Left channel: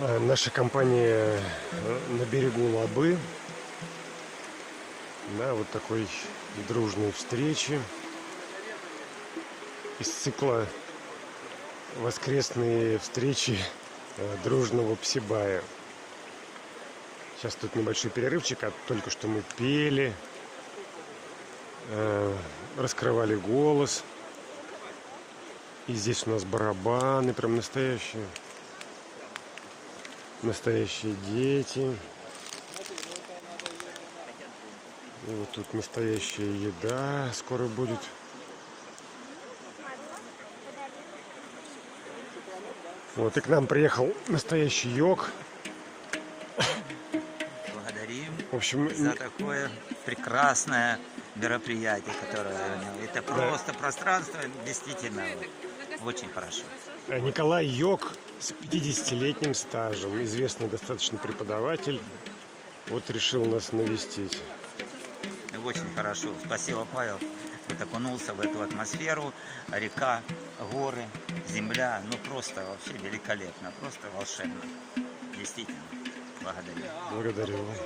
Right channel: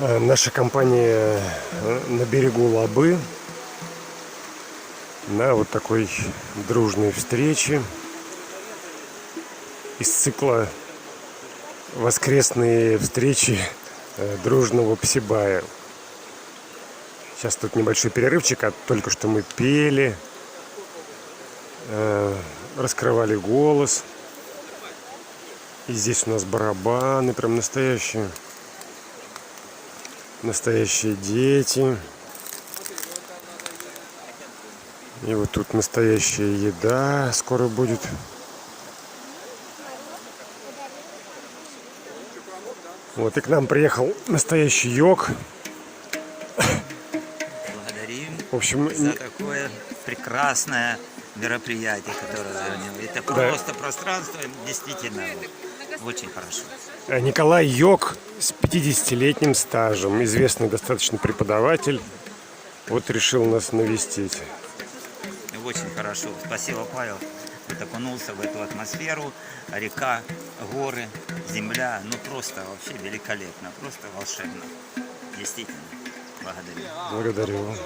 Наша компания на берегу Лабы на вот такой дружной встрече из цикла «Воскресные встречи дружного Псибая». Сейчас тут небольшой перерывчик, а только что мы пели, раскрывали голос. И здесь у нас барабаны, прям настоящие дети. И вот тут настоящая еда скоро будет. Вот и к нам приехал настоящий йог. Благодарим В общем, за такое прекрасное мероприятие, которое это просто пространство, действительно очень хорошо. Николай Йог с 50-летним стажем, известный достаточно преподаватель, вот решил нас навестить. И очень хорошо. Спасибо, Павел. Вот окунулся в эту атмосферу. Река, горы, земля. Ну просто вообще великолепно. Просто волшебно. Действительно. Благодарю. Благодарю.